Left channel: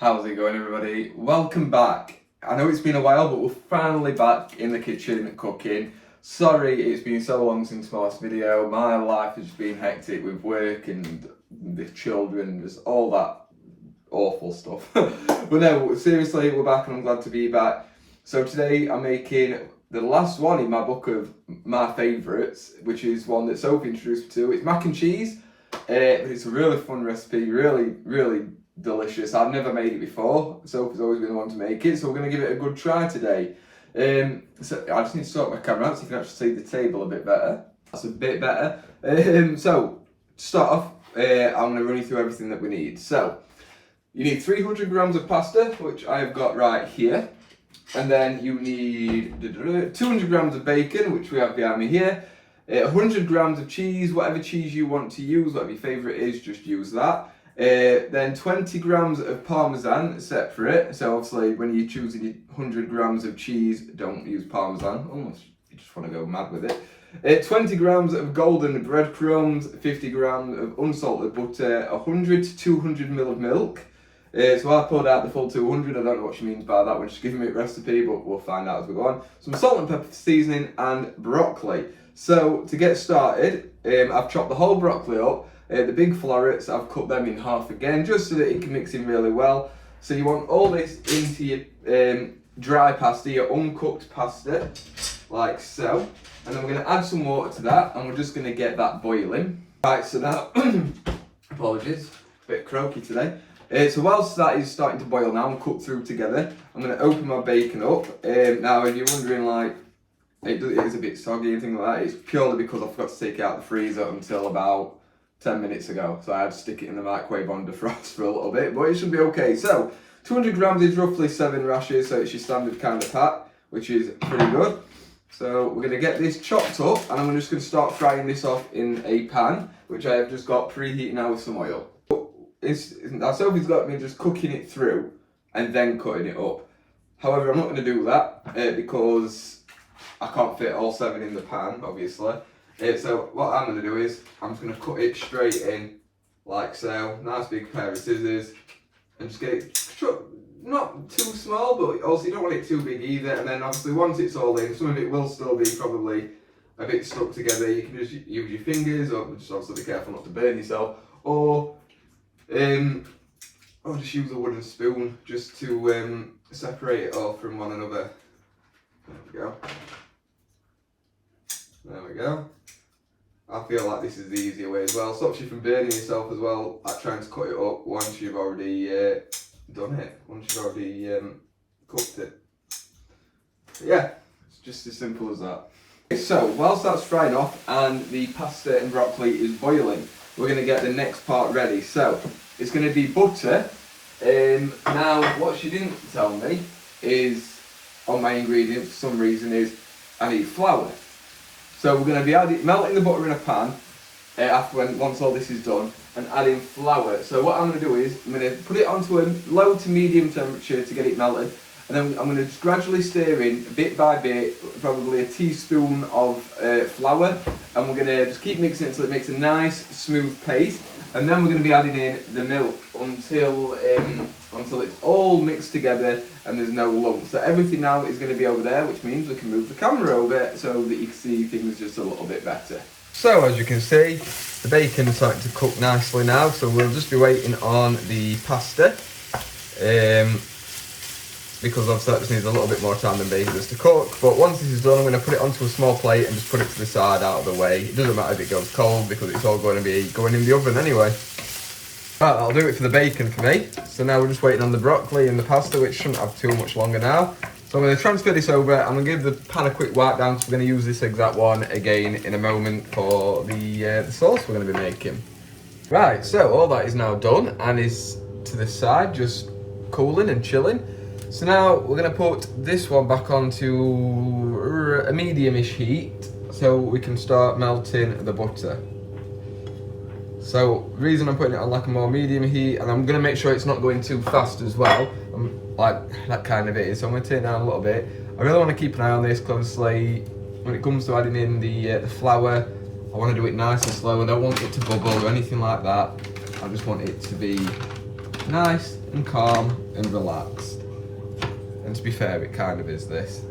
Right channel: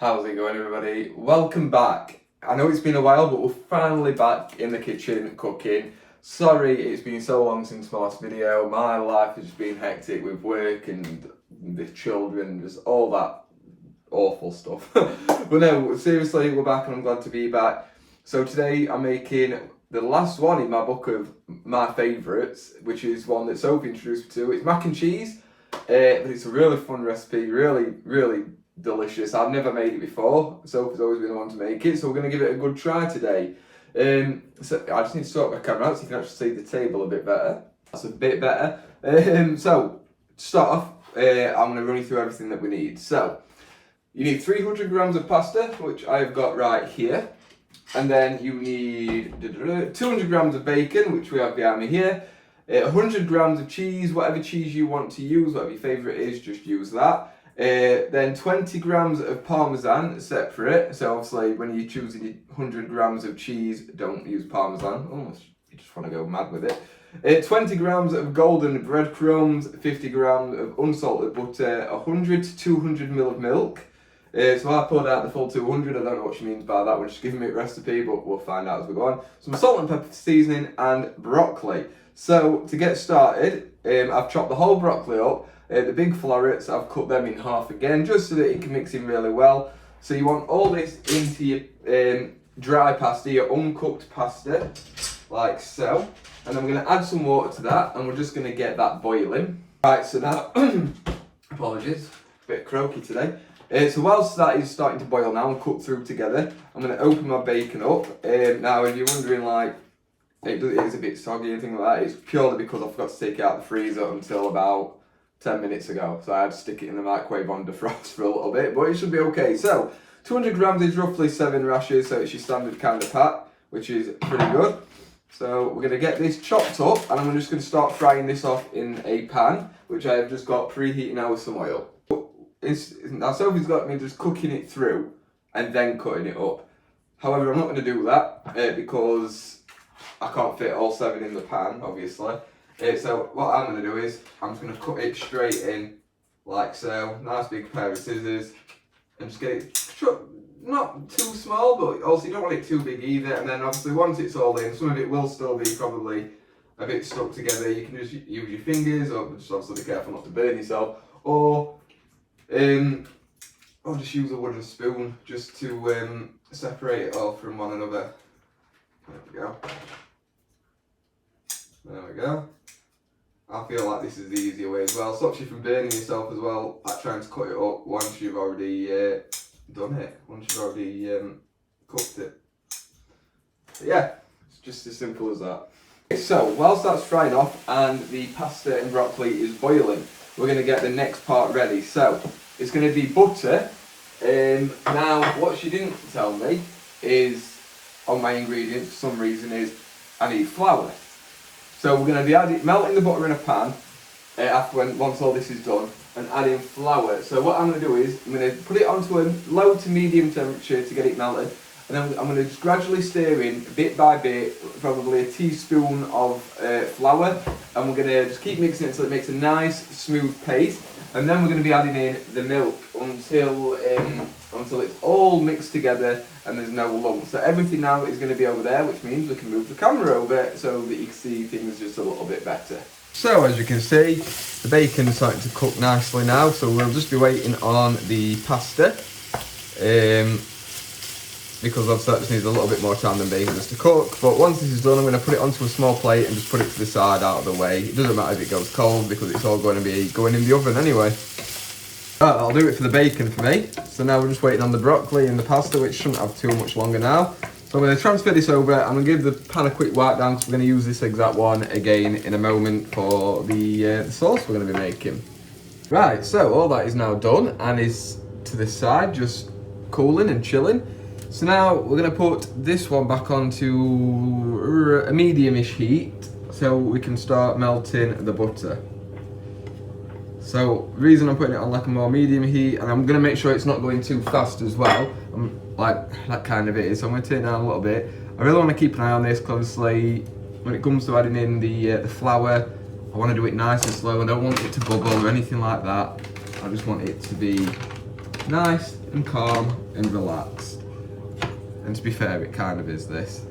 How's it going, everybody? Welcome back. I know it's been a while, but we're finally back in the kitchen cooking. Sorry it's been so long since my last video. My life has been hectic with work and the children, just all that awful stuff. But no, seriously, we're back and I'm glad to be back. So today I'm making the last one in my book of my favourites, which is one that Sophie introduced me to. It's mac and cheese. But it's a really fun recipe, really delicious. I've never made it before. Sophie's always been the one to make it, so we're going to give it a good try today. So I just need to sort my camera out so you can actually see the table a bit better. That's a bit better. So to start off, I'm going to run you through everything that we need. So you need 300 grams of pasta, which I've got right here. And then you need 200 grams of bacon, which we have behind me here. 100 grams of cheese, whatever cheese you want to use, whatever your favourite is, just use that. Then 20 grams of Parmesan separate. So obviously when you're choosing your 100 grams of cheese, don't use Parmesan unless you just want to go mad with it. 20 grams of golden breadcrumbs, 50 grams of unsalted butter, 100 to 200 ml of milk. So I poured out the full 200. I don't know what she means by that. We're just giving me a recipe, but we'll find out as we go on. Some salt and pepper seasoning and broccoli. So to get started, I've chopped the whole broccoli up. The big florets, I've cut them in half again, just so that it can mix in really well. So you want all this into your dry pasta, your uncooked pasta, like so. And then we're going to add some water to that, and we're just going to get that boiling. Right, so now, apologies, a bit croaky today. So whilst that is starting to boil now and cook through together, I'm going to open my bacon up. Now, if you're wondering, like, it is a bit soggy, anything like that, it's purely because I forgot to take it out of the freezer until about 10 minutes ago, so I had to stick it in the microwave on defrost for a little bit, but it should be okay. So 200 grams is roughly 7 rashers, so it's your standard kind of pack, which is pretty good. So we're going to get this chopped up, and I'm just going to start frying this off in a pan, which I have just got preheating now with some oil. Now Sophie's got me just cooking it through and then cutting it up. However, I'm not going to do that because I can't fit all 7 in the pan, obviously. So what I'm going to do is, I'm just going to cut it straight in, like so. Nice big pair of scissors, and just get it not too small, but also you don't want it too big either. And then obviously once it's all in, some of it will still be probably a bit stuck together. You can just use your fingers, or just obviously be careful not to burn yourself, or just use a wooden spoon just to separate it all from one another. There we go. There we go. I feel like this is the easier way as well. Stops you from burning yourself as well, like trying to cut it up once you've already done it, once you've already cooked it. But yeah, it's just as simple as that. So, whilst that's frying off and the pasta and broccoli is boiling, we're going to get the next part ready. So, it's going to be butter. Now, what she didn't tell me is, on my ingredient for some reason, is I need flour. So we're going to be melting the butter in a pan once all this is done, and adding flour. So what I'm going to do is, I'm going to put it onto a low to medium temperature to get it melted, and then I'm going to just gradually stir in, bit by bit, probably a teaspoon of flour, and we're going to just keep mixing it until it makes a nice smooth paste, and then we're going to be adding in the milk until it's all mixed together and there's no lumps. So everything now is going to be over there, which means we can move the camera over so that you can see things just a little bit better. So as you can see, the bacon's starting to cook nicely now, so we'll just be waiting on the pasta. Because obviously that just needs a little bit more time than bacon just to cook. But once this is done, I'm going to put it onto a small plate and just put it to the side out of the way. It doesn't matter if it goes cold because it's all going to be going in the oven anyway. Right, I'll do it for the bacon for me. So now we're just waiting on the broccoli and the pasta, which shouldn't have too much longer now. So I'm going to transfer this over. I'm going to give the pan a quick wipe down, so we're going to use this exact one again in a moment for the sauce we're going to be making. Right, so all that is now done and is to the side, just cooling and chilling. So now we're going to put this one back onto a medium-ish heat so we can start melting the butter. So the reason I'm putting it on like a more medium heat, and I'm going to make sure it's not going too fast as well, like that kind of is. So I'm going to turn it down a little bit. I really want to keep an eye on this closely. When it comes to adding in the flour, I want to do it nice and slow. I don't want it to bubble or anything like that. I just want it to be nice and calm and relaxed. And to be fair, it kind of is this.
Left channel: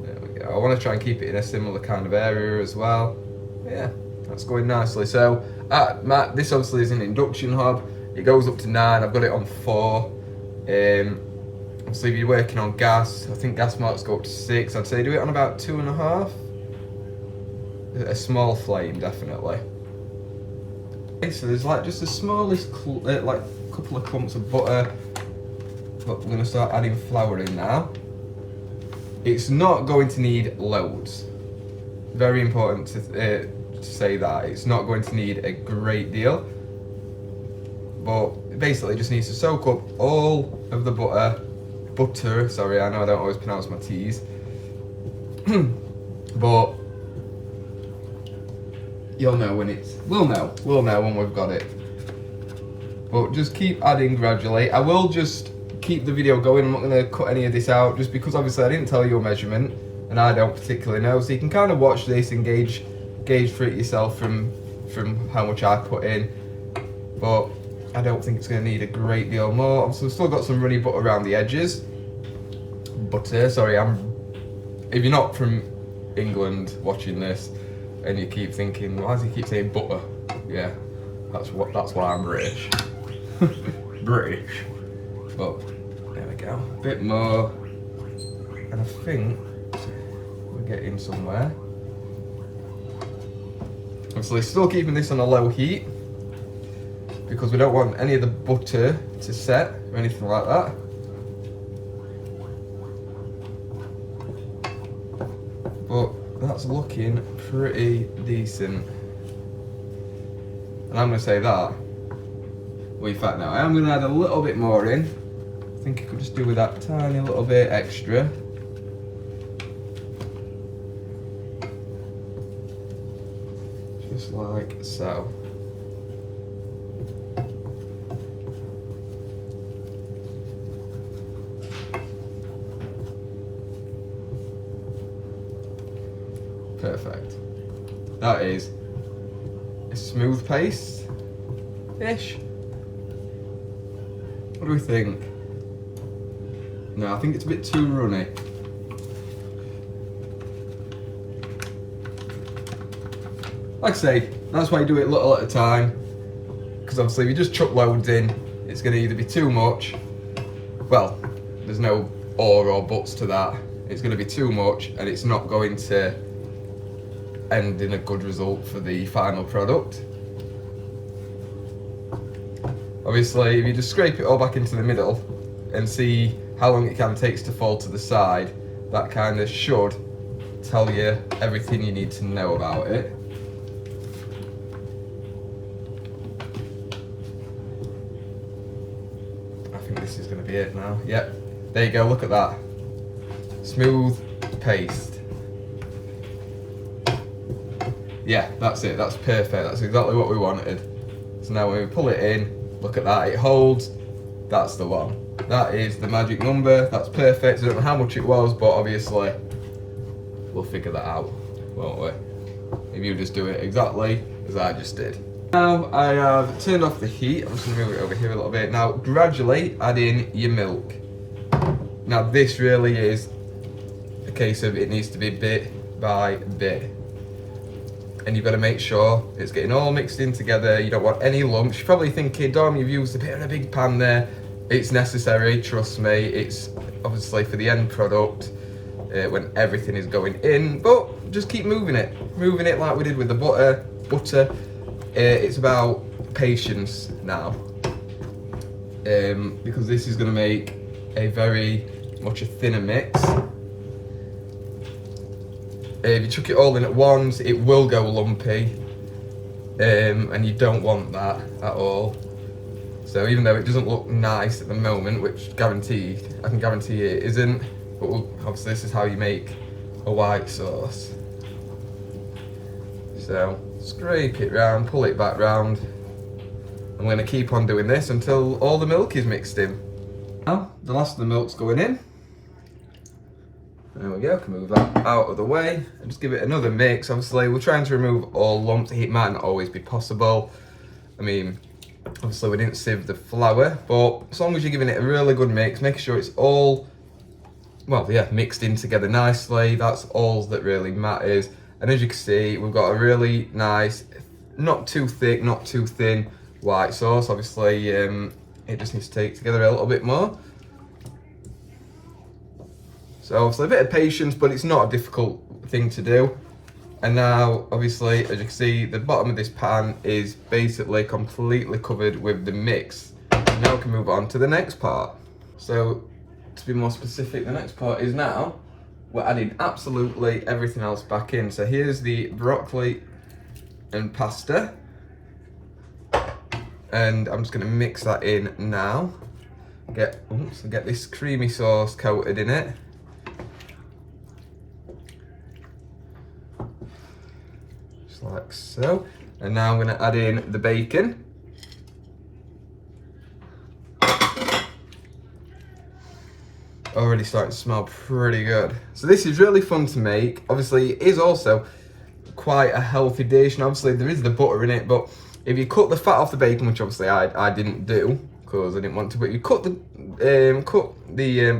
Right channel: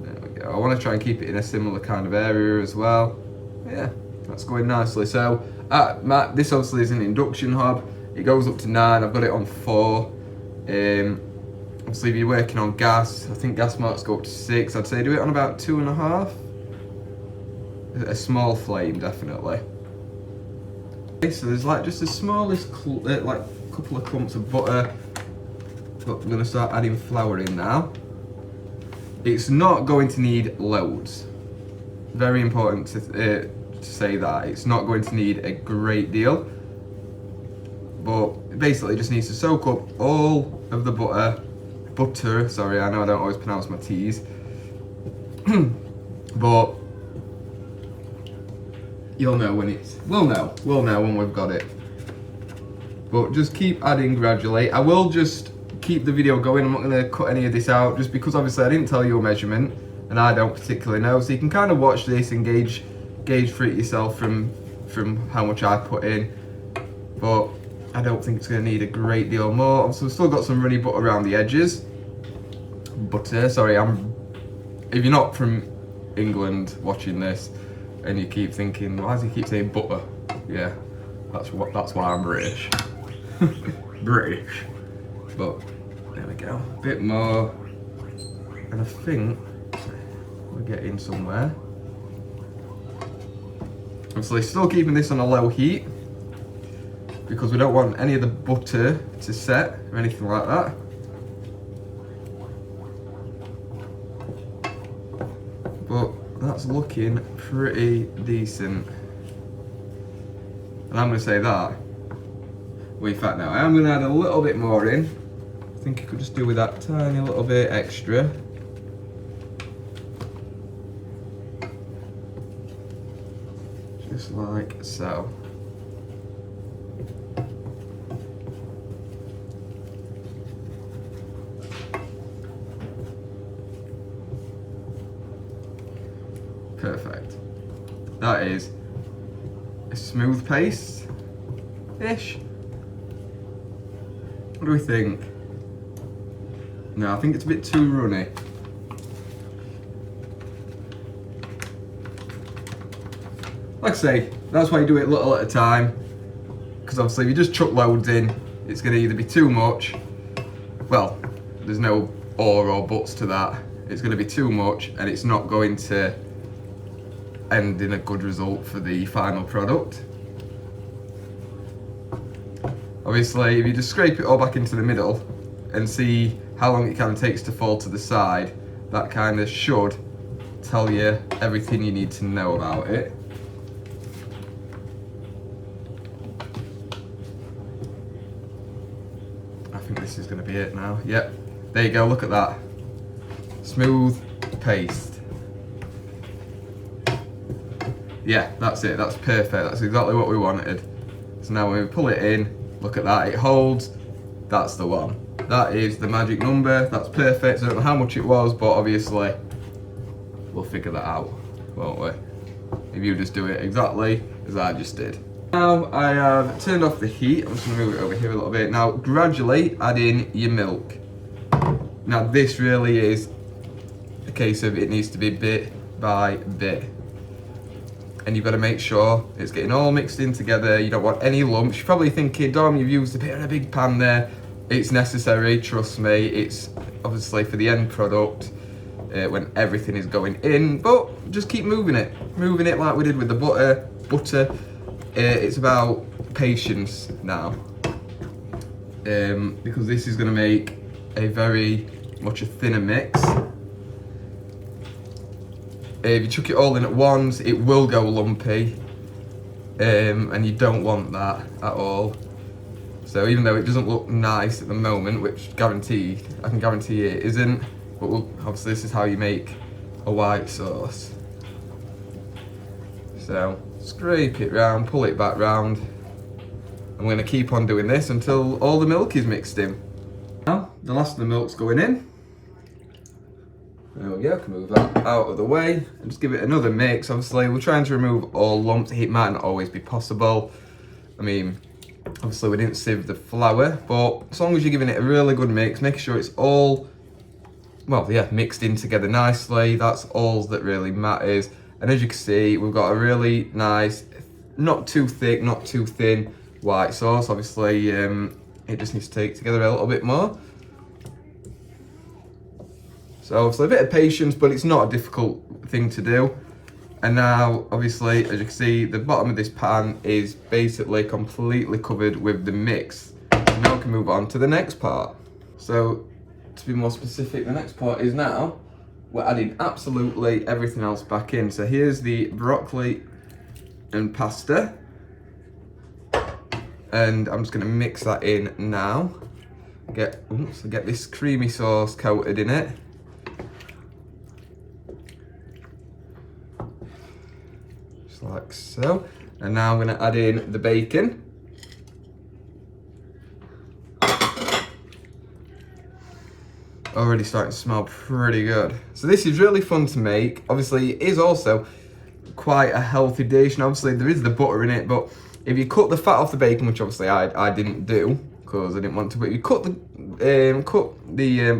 There we go. I want to try and keep it in a similar kind of area as well. Yeah, that's going nicely. So this obviously is an induction hob. It goes up to 9. I've got it on 4. Obviously, if you're working on gas, I think gas marks go up to 6. I'd say do it on about 2.5. A small flame, definitely. Okay, so there's like just the smallest, like couple of clumps of butter. But we're going to start adding flour in now. It's not going to need loads. Very important to say that. It's not going to need a great deal. But it basically just needs to soak up all of the butter, sorry, I know I don't always pronounce my T's. But you'll know when we'll know when we've got it. But just keep adding gradually. I will just keep the video going. I'm not going to cut any of this out just because obviously I didn't tell you a measurement and I don't particularly know. So you can kind of watch this and gauge for it yourself from how much I put in. But I don't think it's going to need a great deal more. Obviously we've still got some runny butter around the edges. Butter, sorry, if you're not from England watching this and you keep thinking, why does he keep saying butter? Yeah, that's why I'm British. British. But there we go, a bit more, and I think we're getting somewhere. Obviously still keeping this on a low heat because we don't want any of the butter to set or anything like that. But that's looking pretty decent. And I'm going to say that. In fact, now I'm going to add a little bit more in. I think I could just do with that tiny little bit extra. Just like so. Perfect. That is a smooth paste-ish. What do we think? No, I think it's a bit too runny. Like I say, that's why you do it little at a time. Because obviously if you just chuck loads in, it's going to either be too much. Well, there's no or buts to that. It's going to be too much and it's not going to end in a good result for the final product. Obviously, if you just scrape it all back into the middle and see how long it kind of takes to fall to the side, that kind of should tell you everything you need to know about it. I think this is going to be it now. Yep, there you go, look at that. Smooth paste. Yeah, that's it, that's perfect, that's exactly what we wanted. So now when we pull it in, look at that, it holds, that's the one. That is the magic number, that's perfect. So I don't know how much it was, but obviously we'll figure that out, won't we? If you just do it exactly as I just did. Now I have turned off the heat, I'm just gonna move it over here a little bit. Now gradually add in your milk. Now this really is a case of it needs to be bit by bit. And you've got to make sure it's getting all mixed in together. You don't want any lumps. You're probably thinking, Dom, you've used a bit of a big pan there. It's necessary, trust me. It's obviously for the end product when everything is going in, but just keep moving it like we did with the butter. It's about patience now, because this is going to make a very much a thinner mix. If you chuck it all in at once, it will go lumpy, and you don't want that at all. So even though it doesn't look nice at the moment, which I can guarantee it isn't, but obviously this is how you make a white sauce. So scrape it round, pull it back round. I'm going to keep on doing this until all the milk is mixed in. Now the last of the milk's going in. There we go, can move that out of the way and just give it another mix. Obviously, we're trying to remove all lumps. It might not always be possible. I mean, Obviously we didn't sieve the flour, but as long as you're giving it a really good mix, making sure it's all, well, yeah, mixed in together nicely, that's all that really matters. And as you can see, we've got a really nice, not too thick, not too thin white sauce. Obviously, it just needs to take together a little bit more. So obviously a bit of patience, but it's not a difficult thing to do. And now, obviously, as you can see, the bottom of this pan is basically completely covered with the mix. Now we can move on to the next part. So, to be more specific, the next part is now we're adding absolutely everything else back in. So here's the broccoli and pasta. And I'm just gonna mix that in now. Get this creamy sauce coated in it. Just like so. And now I'm gonna add in the bacon. Already starting to smell pretty good. So this is really fun to make. Obviously it is also quite a healthy dish, and obviously there is the butter in it, but if you cut the fat off the bacon, which obviously I didn't do because I didn't want to, but you cut the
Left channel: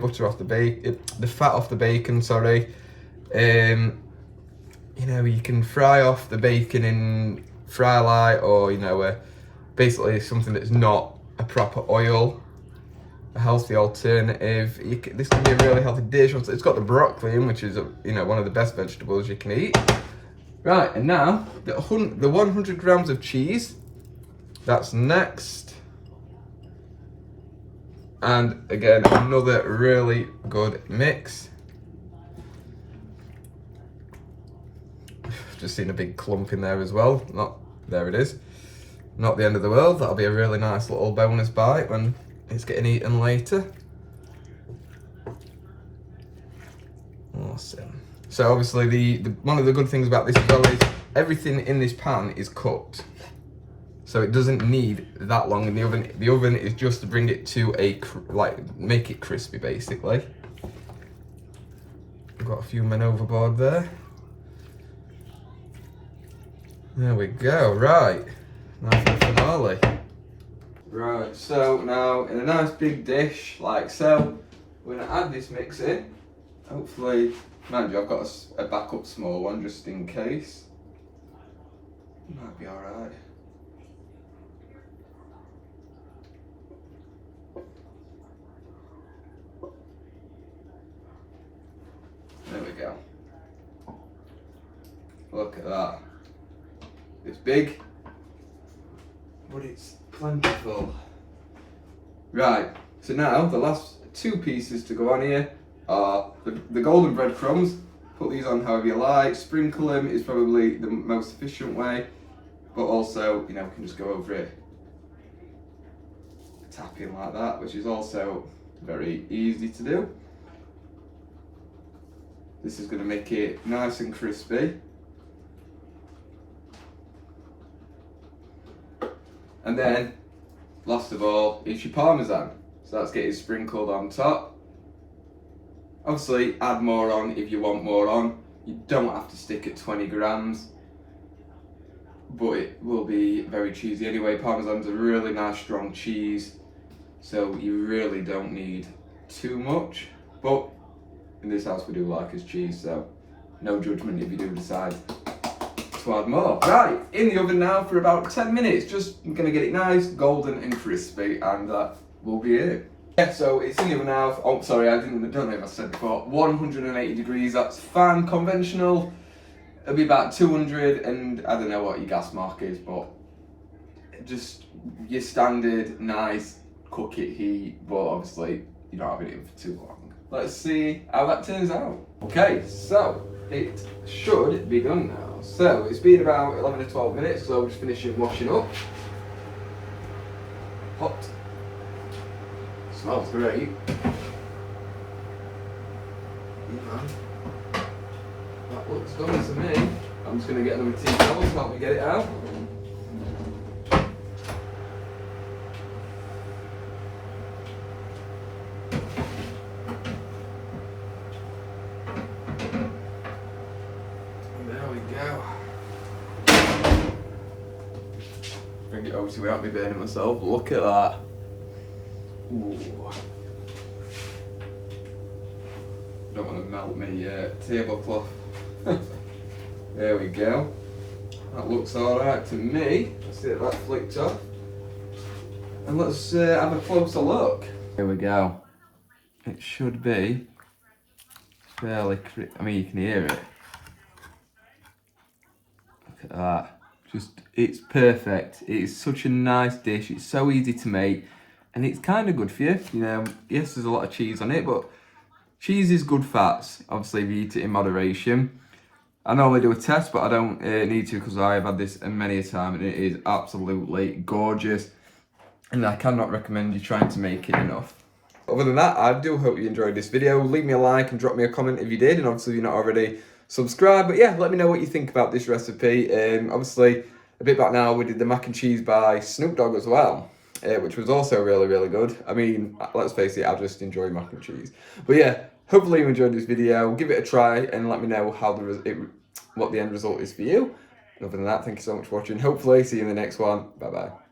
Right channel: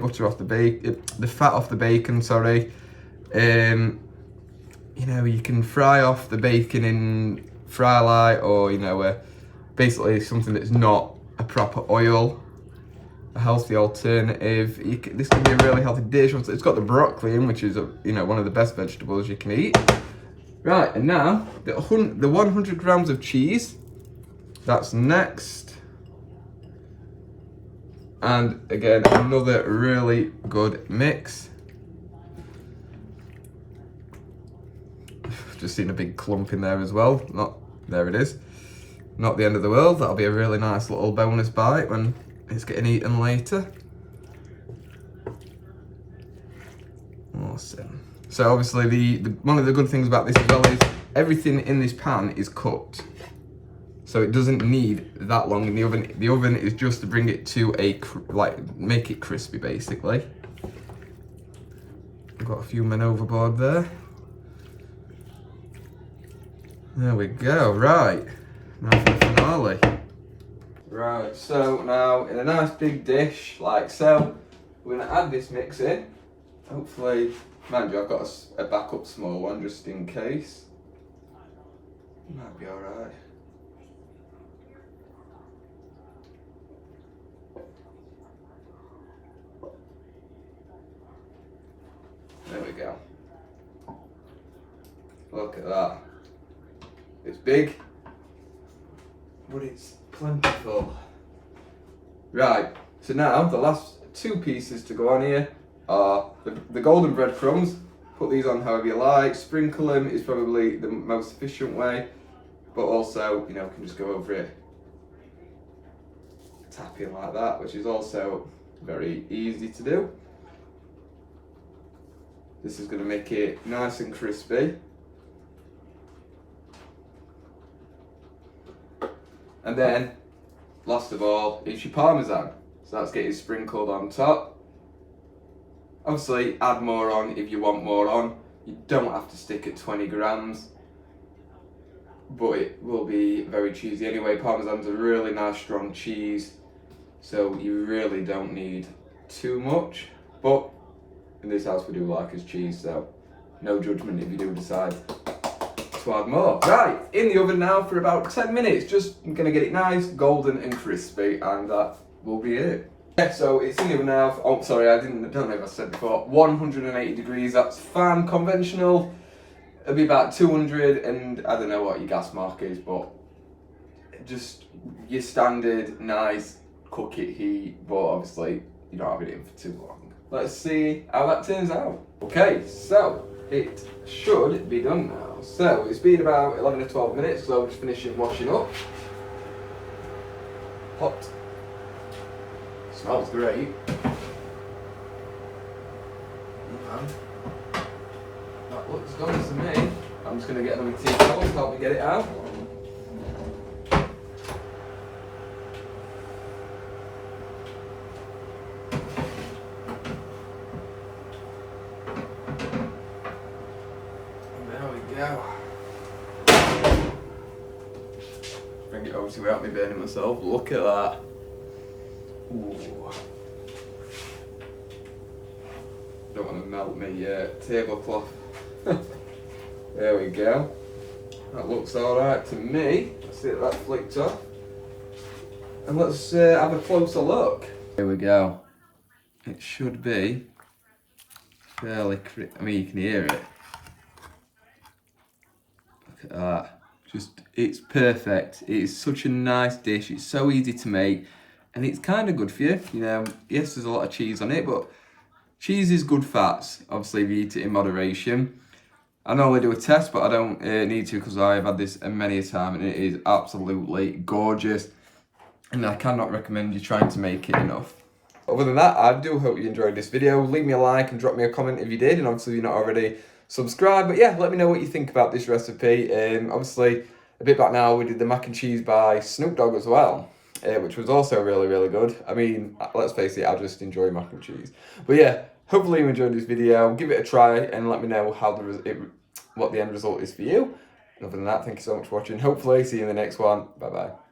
butter off the bacon, the fat off the bacon, sorry. You know, you can fry off the bacon in fry light, or you know, basically something that's not a proper oil. A healthy alternative. This can be a really healthy dish. It's got the broccoli in, which is you know, one of the best vegetables you can eat. Right, and now the 100 grams of cheese. That's next. And again, another really good mix. Just seen a big clump in there as well. There it is. Not the end of the world. That'll be a really nice little bonus bite when it's getting eaten later. Awesome. So obviously the one of the good things about this as well is everything in this pan is cooked. So it doesn't need that long in the oven. The oven is just to bring it to make it crispy basically. I've got a few men overboard there. There we go, right. Now for the finale. Right, so now in a nice big dish like so, we're gonna add this mix in. Hopefully, mind you, I've got a backup small one just in case. Might be alright. There we go. Look at that. It's big, but it's plentiful. Right, so now the last two pieces to go on here are the golden breadcrumbs. Put these on however you like. Sprinkle them is probably the most efficient way, but also, you know, can just go over it, tapping like that, which is also very easy to do. This is going to make it nice and crispy. And then, last of all, is your parmesan. So that's getting sprinkled on top. Obviously, add more on if you want more on. You don't have to stick at 20 grams, but it will be very cheesy anyway. Parmesan's a really nice strong cheese, so you really don't need too much. But in this house we do like his cheese, so no judgment if you do decide to add more. Right, in the oven now for about 10 minutes. Just gonna get it nice, golden and crispy, and that will be it. Yeah, so it's in the oven now. Oh, sorry, don't know if I said before. 180 degrees, that's fine. Conventional, it'll be about 200, and I don't know what your gas mark is, but just your standard nice cook it heat, but obviously you don't have it in for too long. Let's see how that turns out. Okay, so it should be done now. So it's been about 11 to 12 minutes, so I'm just finishing washing up. Hot. Smells great. Yeah. That looks good to me. I'm just going to get another tea towel to help me get it out. Bring it over obviously without me burning myself. Look at that. Ooh. Don't want to melt me tablecloth. There we go. That looks alright to me. Let's get that flicked off. And let's have a closer look. Here we go. It should be fairly I mean, you can hear it. Look at that. It's perfect. It's such a nice dish. It's so easy to make. And it's kind of good for you. You know, yes, there's a lot of cheese on it, but cheese is good fats. Obviously, if you eat it in moderation. I normally do a test, but I don't need to because I've had this many a time and it is absolutely gorgeous. And I cannot recommend you trying to make it enough. Other than that, I do hope you enjoyed this video. Leave me a like and drop me a comment if you did. And obviously, if you're not already subscribed. But yeah, let me know what you think about this recipe. Obviously, a bit back now, we did the mac and cheese by Snoop Dogg as well. Which was also really, really good. I mean, let's face it, I just enjoy mac and cheese. But yeah, hopefully you enjoyed this video. Give it a try and let me know how what the end result is for you. And other than that, thank you so much for watching. Hopefully, see you in the next one. Bye-bye.